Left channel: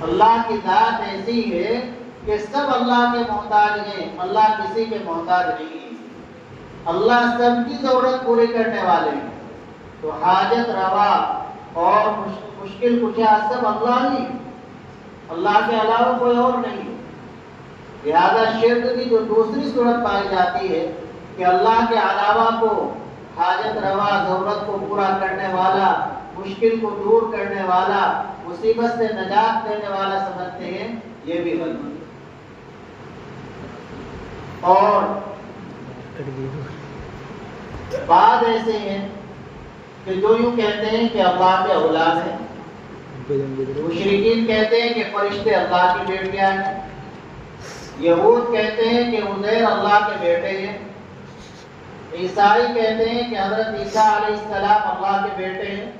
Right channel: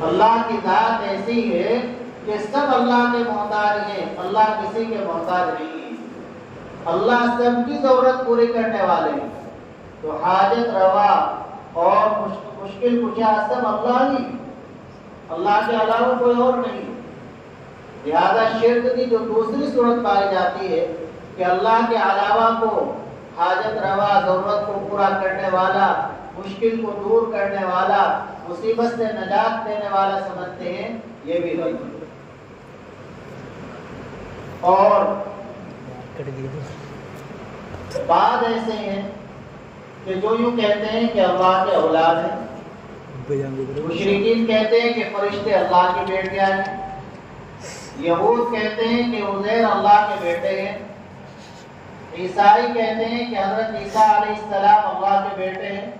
اللہ کی ذات ایسی ہے کہ سب اللہ کے محتاج ہیں، اللہ کسی کے محتاج نہیں ہے، اللہ سب کی ضرورت پوری کرنے والے ہیں۔ تو حاجت روا اور مشکل کشا سب اللہ ہی، اللہ کے علاوہ کوئی اور نہیں۔ لہذا شرک کی جو دوسری صورت پائی جاتی ہے کہ اللہ کے علاوہ کو حاجت روا، ضرورت کو پورا کرنے والا، مشکل کو دور کرنے والا، مصیبت سے نجات دینے والا سمجھتے ہیں، یہ بھی غلط ہے۔ اور بعض ایسے ہیں کہ جو یوں کہتے ہیں کہ اللہ کے اولاد ہیں، مشرکین کہتے ہیں کہ فرشتے اللہ کی بیٹیاں ہیں، یہود کہتے ہیں کہ عزیر اللہ کے بیٹے ہیں، عیسائی کہتے ہیں کہ حضرت عیسیٰ علیہ السلام اللہ کے بیٹے ہیں۔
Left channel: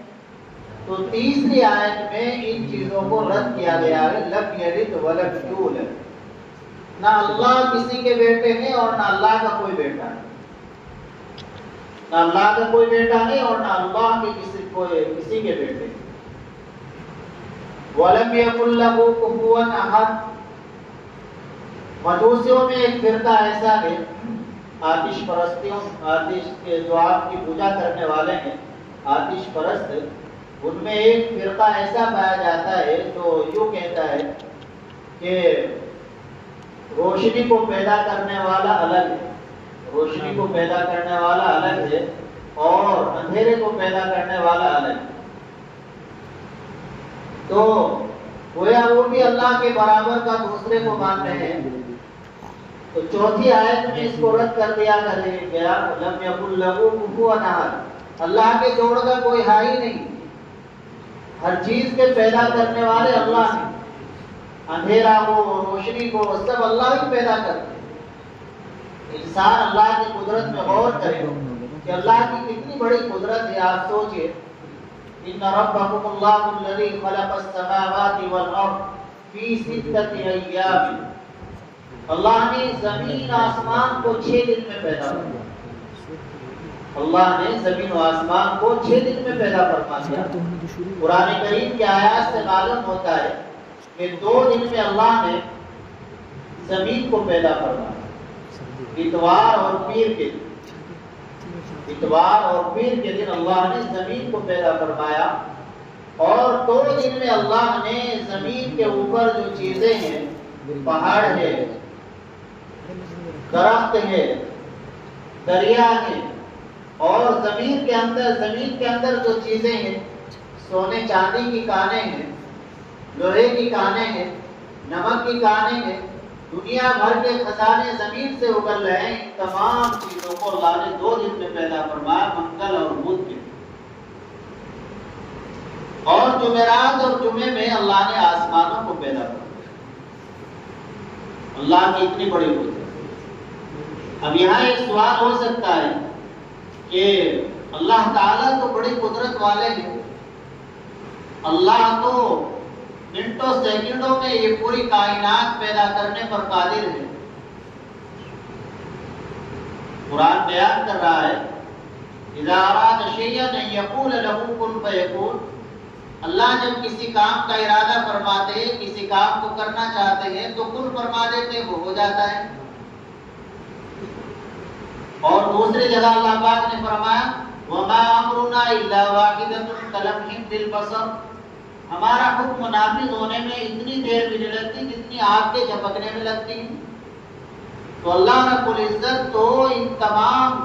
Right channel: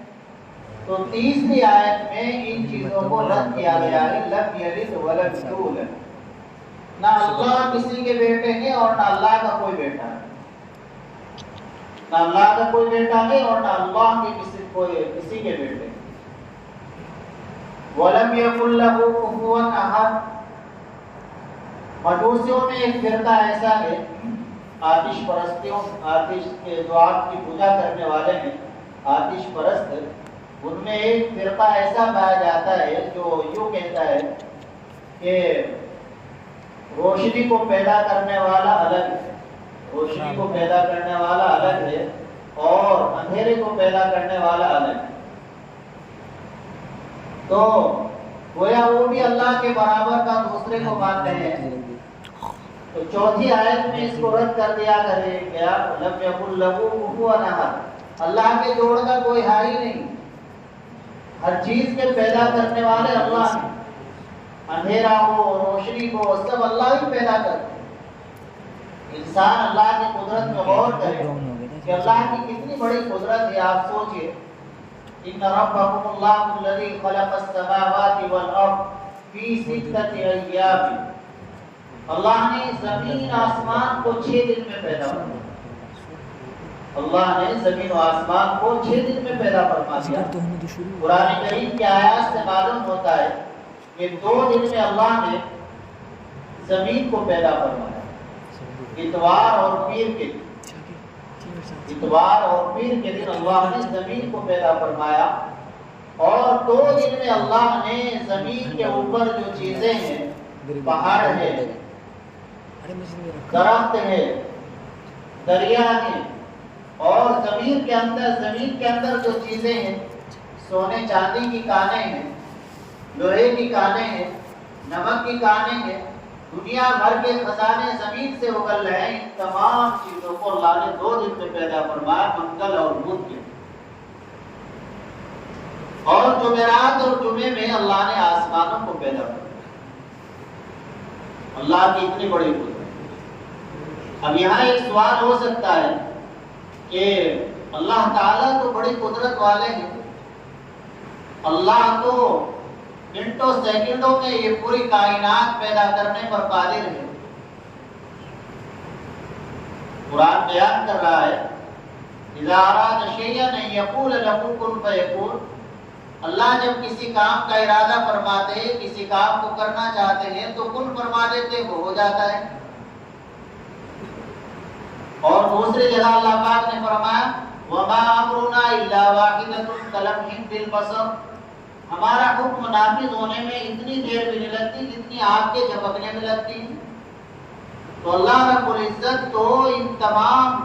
تو تیسری آیت میں ان چیزوں کو رد کیا گیا ہے، لم یلد ولم یولد، نہ اللہ کسی کے بیٹے ہیں اور نہ اللہ کا کوئی بیٹا ہے، نہ اللہ کا کوئی بیٹا ہے اور نہ اللہ کے کسی کے بیٹے ہیں۔ وَلَمْ يَكُنْ لَهُ كُفُوًا أَحَدٌ۔ مجوسیوں میں ایک فرقہ ایسا ہے، آتش پرستیوں، آتش کے جو آگ کی پوجا کرنے والے ہیں، آتش پرست، ان میں ایک فرقہ ایسا پایا جاتا ہے جو یوں کہتا ہے کہ روشنی کو پیدا کرنے والا الگ ہے، روشنی کو پیدا کرنے والا الگ ہے اور اندھیرے کو پیدا کرنے والا الگ ہے۔ تو گویا وہ بھی اللہ کے برابر کا دوسرے کو مانتے ہیں۔ تو چوتھی آیت میں اس کو رد کر دیا گیا، لم یکن لہ کفوا احد، اللہ کے جوڑ کا کوئی ہے ہی نہیں، ہر چیز کے پیدا کرنے والے اللہ ہیں، اندھیرا ہو روشنی کو سب اللہ ہی پیدا کرتے ہیں۔ انسان اللہ کی قدرت میں غور کرے کہ اللہ کی کتنی بڑی قدرت ہے۔ آپ سوچئے، ان ربکم اللہ الذی خلق السماوات والارض فی ستۃ ایام، اللہ نے زمین آسمان کو 6 دن میں پیدا کیا، اللہ نے زمین و آسمان کو 6 دن میں پیدا فرما دیا۔ قرآن کریم کی آیات سے معلوم ہوتا ہے کہ 2 دن میں اللہ نے زمین کو پیدا فرمایا، اتوار اور پیر کے دن، اتوار اور پیر کے دن اللہ نے زمین کو پیدا فرمایا، اور 2 دن میں اللہ نے زمین کے اوپر جو چیزیں ہیں، پہاڑ ہے، درخت ہے، دریا ہے، اور زمین کے اندر جو چیزیں ہیں، سونے چاندی کی کانیں ہیں، لوہے کی کانیں ہیں، نمک کی کانیں ہیں، دنیا بھر کے خزانے زمین سے اگل رہے ہیں، ان تمام چیزوں کو اللہ نے 2 دن میں پیدا فرمایا، منگل اور بدھ کے۔ اور جمعرات اور جمعے میں اللہ نے آسمانوں کو پیدا فرمایا۔ اللہ کی اتنی بڑی قدرت۔ اب یہاں ایک سوال ہو سکتا ہے کہ اللہ تعالیٰ تو بڑی قدرت والے ہیں، اللہ تو منٹوں سیکنڈوں میں یہ پوری کائنات پیدا کرنے پر قادر ہے۔ قرآن بیان کر رہا ہے، اذا اراد شیئا ان یقول له کن فیکون، اللہ جب کسی کام کا ارادہ فرماتے ہیں، کسی کام کو کرنا چاہتے ہیں تو کن فرما دیتے، وہ ہو جاتا ہے۔ اور دوسری جگہ اللہ پاک نے فرمایا، وَمَا أَمْرُنَا إِلَّا وَاحِدَةٌ كَلَمْحٍ بِالْبَصَرِ، ہمارا حکم نافذ ہونے میں اتنی دیر بھی نہیں لگتی جتنی آگ کے جھپکنے میں لگتی ہے۔ تو اللہ رب العزت تو ان تمام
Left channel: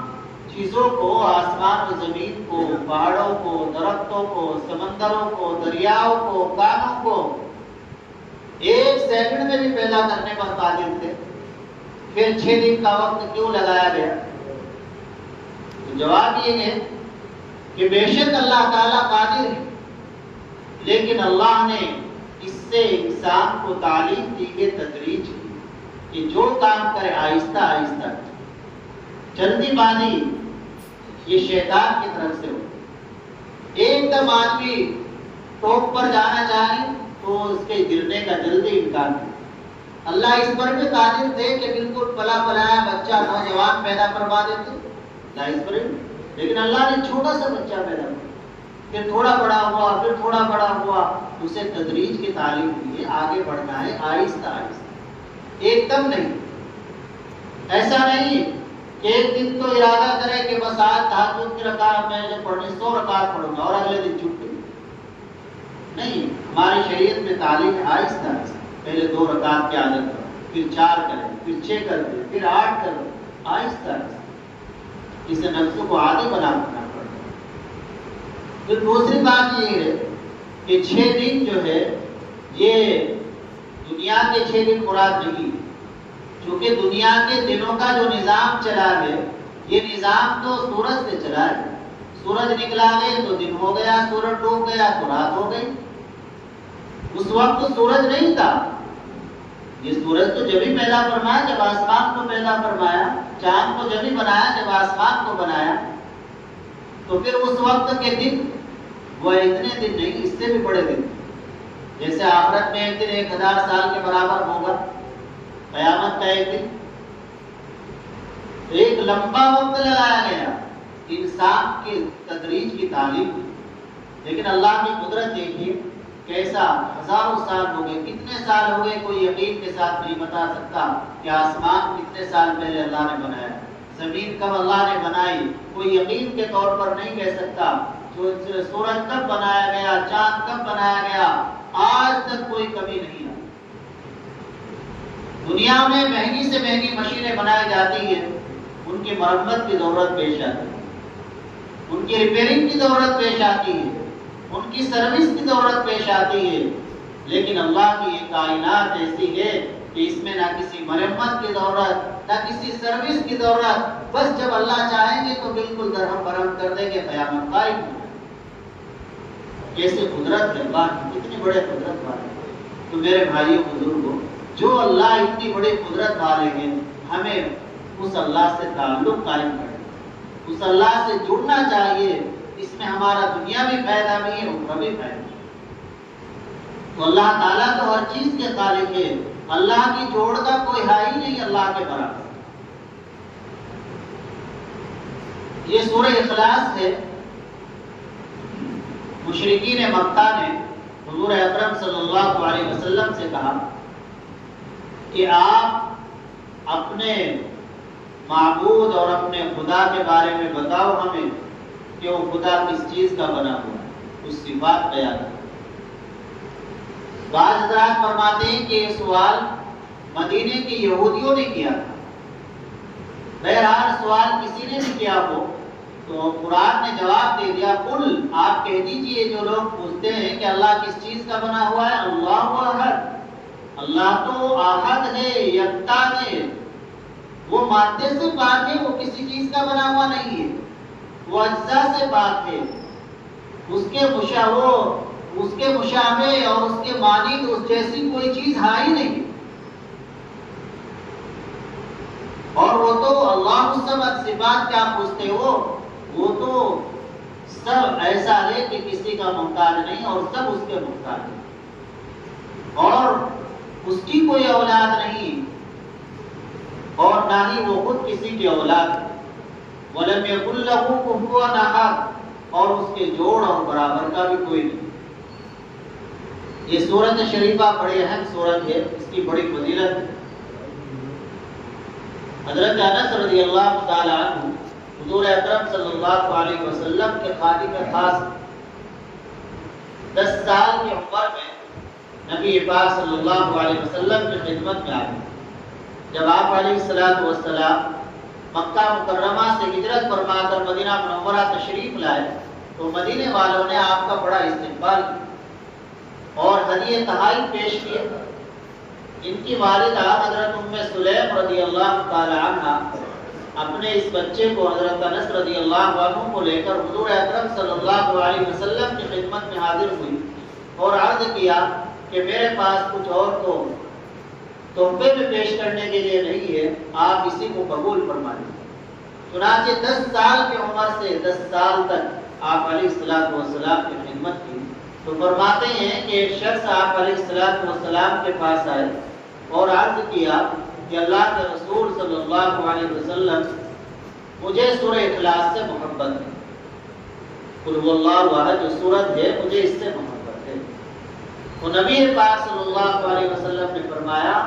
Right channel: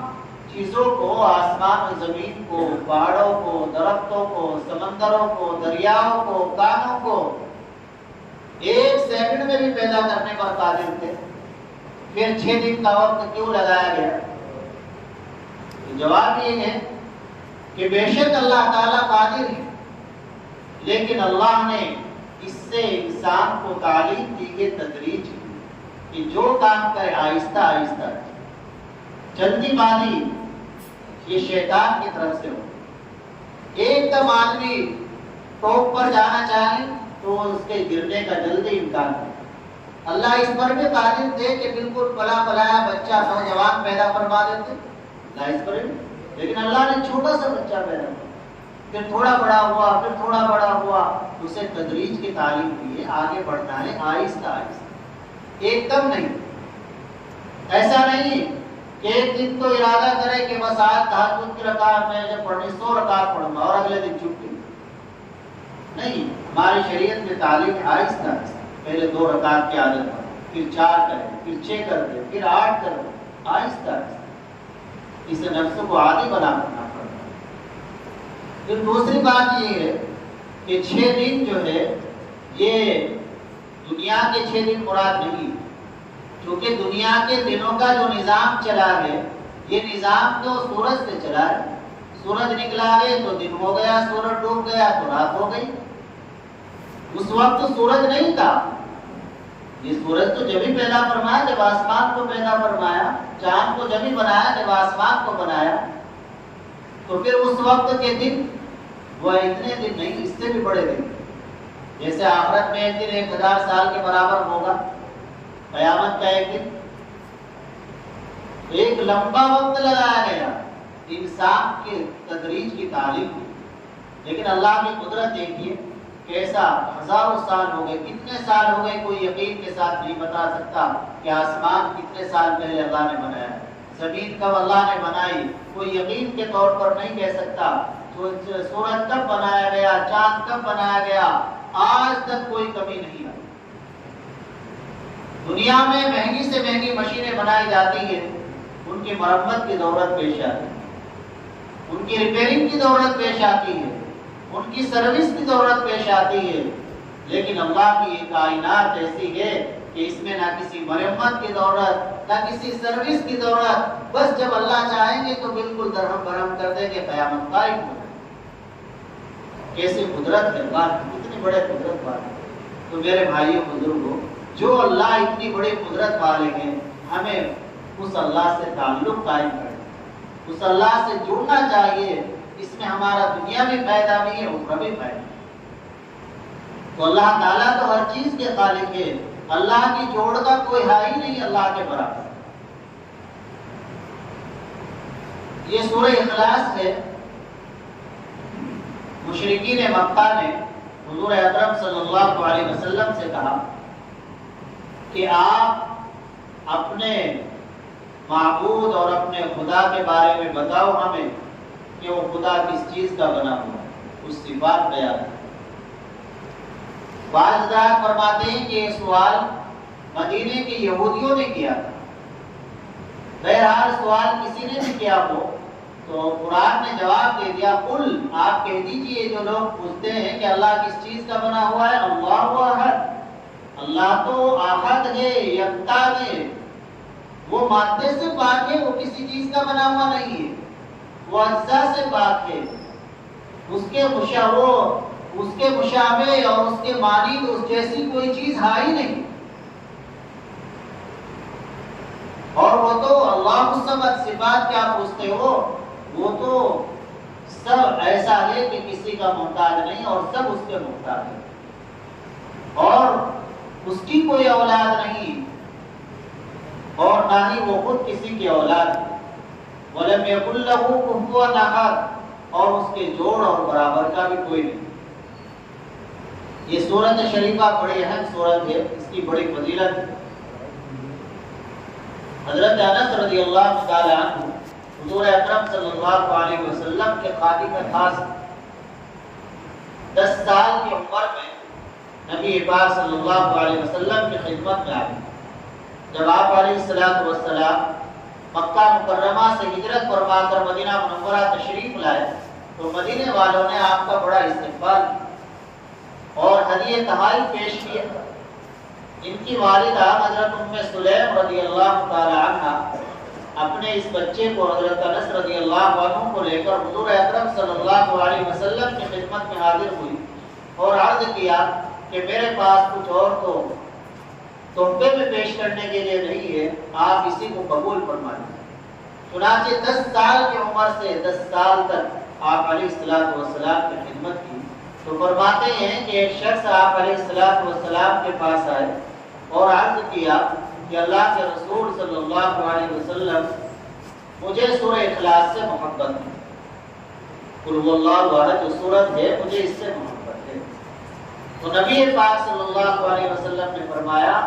چیزوں کو، آسمان و زمین کو، پہاڑوں کو، درختوں کو، سمندروں کو، دریاؤں کو، کانوں کو 1 سیکنڈ میں بھی پیدا کرنے پر قادر تھے، پھر 6 دن کا وقت کیوں لگایا گیا؟ جواب یہ ہے کہ بے شک اللہ تعالیٰ قادر ہے، لیکن اللہ نے اس سے انسان کو تعلیم دی ہے، تدریج کی، کہ جو کام کرے آہستہ آہستہ، جلدی بازی یہ شیطان کی طرف سے ہو۔ ایک دم آدمی ٹاپ پر جانا چاہے تو اس کے گرنے کا جلدی امکان ہے۔ اللہ اس پر بھی قادر تھے کہ بالکل پلا پلایا بچہ نوجوان پیدا فرما دیتے، لیکن اللہ نے چھوٹا سا بچہ پیدا کیا، پھر تھوڑا بڑا ہوا، پھر تھوڑا بڑا ہوا، اسے تدریج کی تعلیم دی ہے، آگے بڑھنا ہے آہستہ آہستہ، ایک دم نہیں۔ ایسا نہیں کہ ایک دن تو ارادہ کرے کہ بس آج تہجد کی رکعت میں جو پڑھنی 100 رکعت پڑھوں گا اور اگلے دن چھٹی نہیں۔ ہماری شریعت میں تعلیم ہے آہستہ آہستہ، پہلے 2 رکعت کی عادت کرو، پھر 4 کریں، پھر 6 کر دیں، پھر 8 کرو، آہستہ آہستہ۔ اسے نفس کو عادی بنا کرنا پڑتا ہے۔ پھر دوسری بات یہ ہے کہ 6 دن جو ہے یہ دنیا کے 6 دن مراد نہیں، کیونکہ دنیا کے دنوں کا جو نظام چلا ہے یہ نظام تو سورج سے چلا ہے۔ سورج نکلا ہے تو دن ہو گیا، سورج ڈوب گیا تو رات ہو گئی۔ اس وقت تو سورج نہیں تھا، یہ سورج تو جبھی پیدا فرمایا جب آسمان کو پیدا فرمایا، چاند کو جبھی بنایا جب آسمان کو بنایا، تو پھر اس وقت کے دن وہ اتنے دن نہیں، اس سے بھی بڑے دن، جیسے آخرت میں ایک دن 1000 سال کے برابر ہوگا، قیامت کا ایک دن، ایک لمبا وقت لگایا گیا انسان کے تدریج کی تعلیم میں۔ لیکن اللہ کی قدرت دیکھیے کیسا، ہزاروں سال ہو گئے، کتنے سال ہو گئے کوئی یقین کے ساتھ نہیں بتا سکتا کہ آسمان کتنے سال پہلے اللہ نے بنایا، زمین کب اللہ نے بنائی، کوئی یقین کے طور پر نہیں کہہ سکتا، سورج کب بنایا گیا، چاند کب بنایا گیا، آج تک کوئی کمی نہیں ہے۔ دنیا میں مہنگی سے مہنگی مشینیں بنائی جاتی ہیں، ان کی مرمت کی ضرورت پیش آتی ہے، ان کی ریپیئرنگ کی ضرورت پیش آتی ہے، ان کی سروس کی ضرورت پیش آتی ہے، لیکن اللہ کی یہ کائنات ایسی ہے کہ اس میں نہ کسی مرمت کی ضرورت نہ کسی سروس کی ضرورت، بس جب اللہ چاہیں گے تو بالکل درہم برہم کر دیں گے، قیامت قائم ہو۔ کیسے قدرت ہے اللہ کی، کتنی بڑے قدرت والے۔ تو میرے بھائیوں بزرگوں، جو اللہ اتنی بڑی قدرت والے ہیں، ہمیں اس اللہ سے تعلق قائم کریں، اس اللہ سے جڑنا چاہیے، اس میں ہمارا دنیا میں فائدہ بھی ہے، اخروی بھی فائدہ ہے۔ تو اللہ تعالیٰ تو ہر چیز کے خالق ہے، اللہ کی جوڑ کا کوئی ہے ہی نہیں اللہ کے برابر۔ یہ سورہ اخلاص ہے۔ مشرکین مکہ نے حضور اکرم صلی اللہ علیہ وسلم سے کہا کہ آپ اپنے معبود اور اپنے خدا کے بارے میں بتاؤ ہمیں کہ وہ خدا کس چیز کا بنا ہوا ہے، اس صفات بیان کرو۔ بعض حضرات فرماتے ہیں کہ یہ سوال مدینے کے یہودیوں نے کیا تھا، بہرحال سوال کسی نے بھی کیا ہو تو قرآن نے جواب دے دیا، قل آپ کہہ دیجئے جو لوگ پوچھتے ہیں کہ اللہ کس چیز کا بنا ہوا ہے، اللہ احد، اللہ تو احد ہے، یکتا ہے، وہ مادے سے پاک ہے، وہ کسی چیز کا بنا ہوا نہیں ہے، وہ اجزاء سے پاک ہے، اس کے مشابہ اور اس کے مانند اس جیسی کوئی چیز ہے ہی نہیں۔ اور وہ تو اللہ الصمد، صفات کیا پوچھتے ہو، وہ تو سب ایسا ہے کہ کسی کا محتاج نہیں اور سب اس کے محتاج ہیں، اور اس کی کوئی اولاد نہیں اور نہ ہی وہ خود کسی کی اولاد ہے۔ وَلَمْ يَكُنْ لَهُ كُفُوًا أَحَدٌ، اور اس کے جوڑ اور برابر کا بھی کوئی نہیں۔ یہ سورت شریفہ بڑی اہم سورت ہے، اس کی بڑی فضیلت ہے۔ حضرت انس رضی اللہ تعالی عنہ حضور اکرم صلی اللہ علیہ وسلم کے خادم خاص، 10 سال کی عمر میں نبی پاک صلی اللہ علیہ وسلم کی خدمت میں آئے۔ جب آپ علیہ السلام مکہ مکرمہ سے ہجرت فرما کر مدینہ منورہ تشریف لائے تو مدینے والوں نے آپ کا بڑا استقبال کیا اور ہدیہ تحائف پیش کیے۔ ان کی والدہ حضرت ام سلیم رضی اللہ تعالی عنہ اپنے اس بچے کو حضرت انس رضی اللہ عنہ کو لے کر حضور اکرم صلی اللہ علیہ وسلم کی خدمت میں حاضر ہوئی اور عرض کیا کہ میرے پاس کچھ اور تو تحفے میں پیش کرنے کے لیے نہیں ہے، آپ اسی کو قبول فرما لیں۔ چنانچہ 10 سال کی عمر سے 10 سال تک آپ علیہ السلام کی خدمت کی تو فرماتے ہیں کہ ایک شخص آپ علیہ السلام کے پاس آئے اور عرض کیا کہ اللہ کے رسول صلی اللہ علیہ وسلم مجھے سورہ اخلاص سے محبت ہے، قل هو اللہ احد جو سورت ہے مجھے اس سے محبت ہے، تو نبی پاک صلی اللہ علیہ وسلم نے فرمایا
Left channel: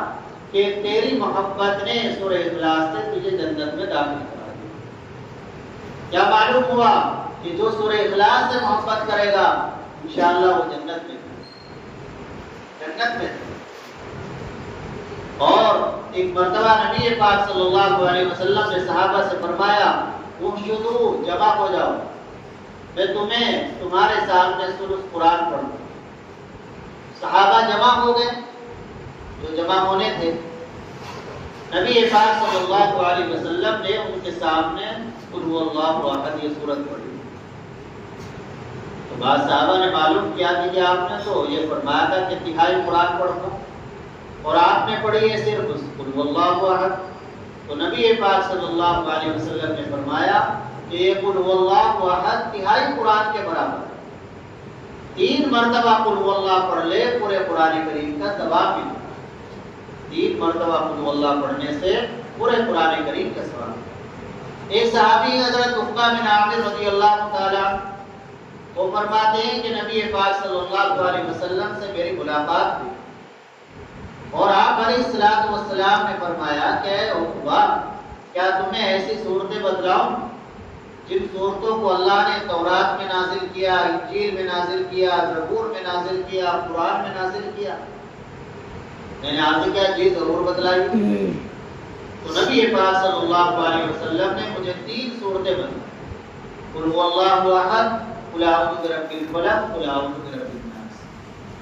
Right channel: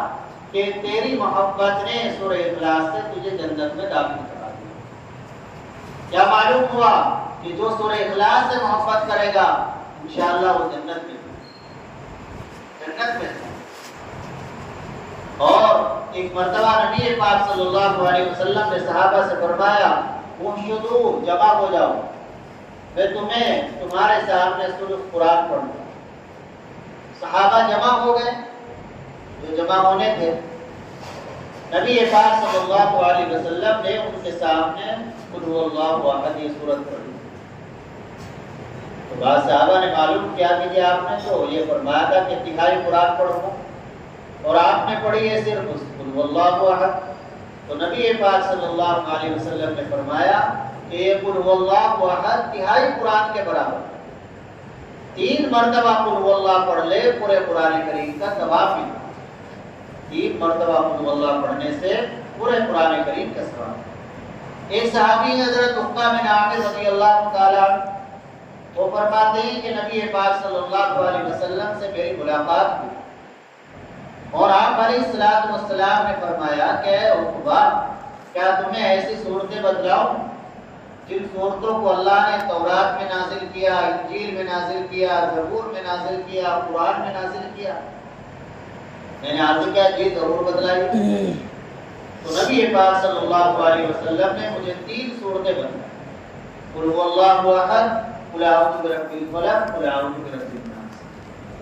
کہ تیری محبت نے سورہ اخلاص سے تجھے جنت میں داخل کرا دیا۔ کیا معلوم ہوا کہ جو سورہ اخلاص سے محبت کرے گا انشاءاللہ وہ جنت میں اور ایک مرتبہ نبی پاک صلی اللہ علیہ وسلم نے صحابہ سے فرمایا وحشدو جمع ہو جاؤ، میں تمہیں تمہارے سامنے سورۃ قرآن پڑھوں۔ صحابہ جمع ہو گئے جو جمع ہونے تھے، نبی پاک صلی اللہ علیہ وسلم نے ان کے سامنے قل هو اللہ احد یہ سورت پڑھی۔ تو بعض صحابہ نے معلوم کیا کہ آپ نے تو یہ فرمایا تھا کہ تہائی قرآن پڑھوں گا اور آپ نے پڑھی ہے صرف قل هو اللہ احد۔ تو نبی پاک صلی اللہ علیہ وسلم نے فرمایا کہ یہ قل هو اللہ احد تہائی قرآن کے برابر ہے، 3 مرتبہ قل هو اللہ پڑھ لے پورے قرآن کریم کا ثواب ملتا ہے۔ 3 مرتبہ قل هو اللہ پڑھنے سے پورے قرآن کریم کا ثواب۔ ایک صحابی حضرت عقبہ بن عامر رضی اللہ تعالی عنہ وہ فرماتے ہیں کہ نبی پاک صلی اللہ علیہ وسلم سے میری ملاقات ہوئی اور آپ علیہ الصلوۃ والسلام نے فرمایا کہ اے عقبہ کیا تمہیں ایسی صورتیں بتلاؤں جن صورتوں کو اللہ نے تورات میں نازل کیا، انجیل میں نازل کیا، زبور میں نازل کیا، قرآن میں نازل کیا؟ میں نے آپ سے کہا جی ضرور بتلائی۔ تو نبی پاک صلی اللہ علیہ وسلم نے مجھے 3 صورتیں بتلائیں، قل هو اللہ احد، قل اعوذ برب الفلق، قل اعوذ برب الناس،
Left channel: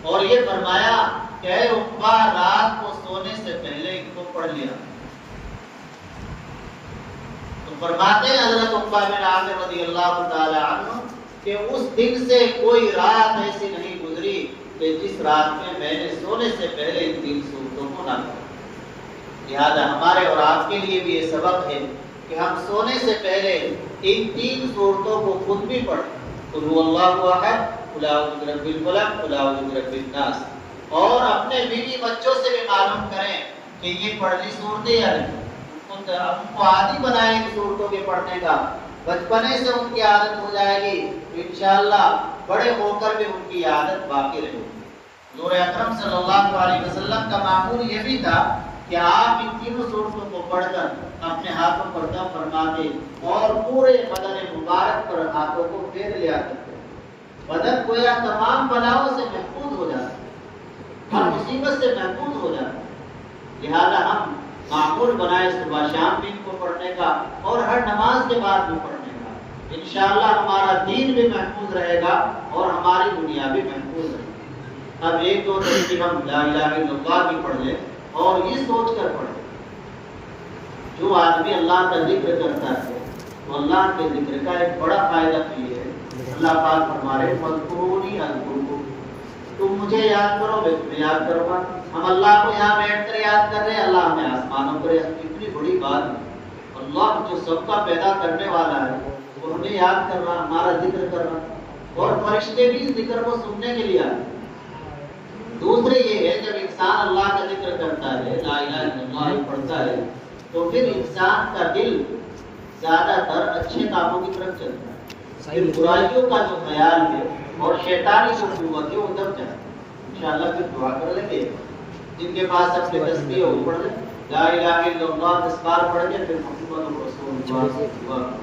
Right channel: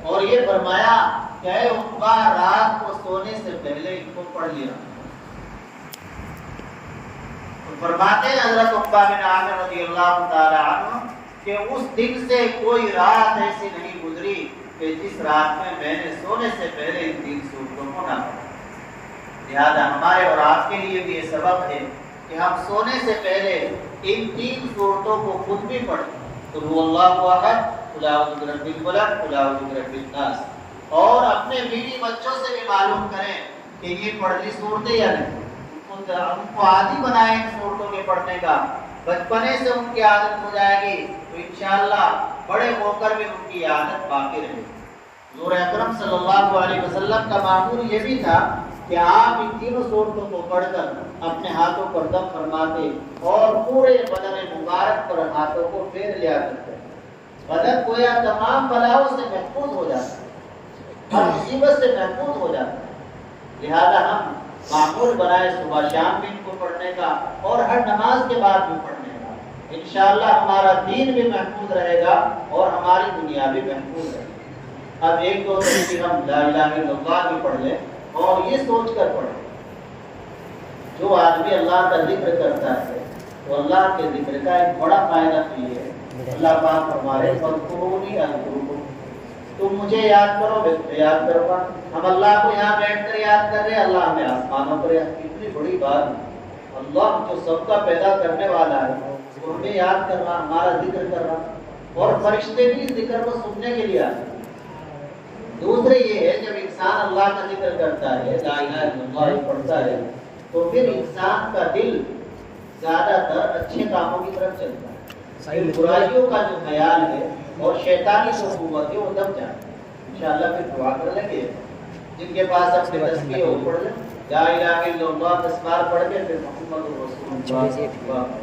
اور یہ فرمایا کہ اے عقبہ رات کو سونے سے پہلے ان کو پڑھ لیا۔ تو فرماتے ہیں حضرت عقبہ بن عامر رضی اللہ تعالی عنہ کہ اس دن سے کوئی رات ایسی نہیں گزری کہ جس رات میں میں نے سونے سے پہلے ان 3 صورتوں کو نہ پڑھا۔ لہذا ہمارے اور آپ کے لیے بھی یہ سبق ہے کہ ہم سونے سے پہلے ان 3 صورتوں کو خود بھی پڑھیں، قل هو اللہ احد، قل اعوذ برب الفلق، قل اعوذ برب الناس، اور اپنے بیوی بچوں سے بھی معلوم کریں کہ یہ پڑھ لی صورتیں یا نہیں، ان کو عادی بنائیں ان صورتوں کے پڑھنے کا، بچپنے سے ان کی عادت ہو جائے گی تو انشاءاللہ بڑے ہو کر بھی ان کی عادت باقی رہے گی۔ نور اکرم صلی اللہ علیہ وسلم کا معمول یہ بھی تھا کہ آپ ان 3 صورتوں کو پڑھ کر اپنے ہاتھوں پر دم فرماتے اور پورے بدن مبارک پر ہاتھوں کو پھیر لیا کرتے، بدن گویا تمام بلاؤں سے محفوظ ہو جاتا ہے، ہر مصیبت سے محفوظ ہو جاتا ہے۔ لہذا ہم معمول بنائے صبح شام بھی ان کو پڑھنے کا اور ہر نماز کے بعد بھی پڑھنے کا، انشاءاللہ ہمارا دین بھی محفوظ رہے گا اور ہماری دنیا بھی محفوظ رہے گی۔ اب 1-2 ترتیب ہم لا الہ الا اللہ بھی پڑھ لیں اور یہ سوچ کر پڑھیں جو آدمی اللہ کا ذکر کرتا ہے تو اللہ کے ذکر کا ایک بڑا فائدہ یہ ہے، اللہ پاک فرما رہے فاذکرونی اذکرکم، تم مجھے یاد کرو میں تمہیں یاد کروں گا۔ ہم اللہ کو یہاں بیٹھ کر یاد کر رہے ہیں، اللہ ہمیں آسمانوں پر، اتنی بڑی بات ہے، اللہ جو سب کا پیدا کرنے والا ہے وہ ہمیں یاد کر رہا، ہمارا ذکر کر رہا، اور فرشتے بھی اس ذکر کو سننے کے لیے آئے۔ دوسرے یہ ہے جب انسان اللہ کا ذکر کرتا ہے، لا الہ الا اللہ پڑھتا ہے، تو پھر انسان کا دل زیادہ تر اچھے کاموں کی طرف چلتا ہے، برائیوں کا جو خیال ہے اور شیطانی جو قوت ہے وہ دب جاتا ہے۔ انشاءاللہ پھر دعا کر لیں گے، جن کے پاس اپنے تسبیح وہ پڑھ لیں، لا الہ الا اللہ 10 بار پڑھ کے پھر محمد رسول اللہ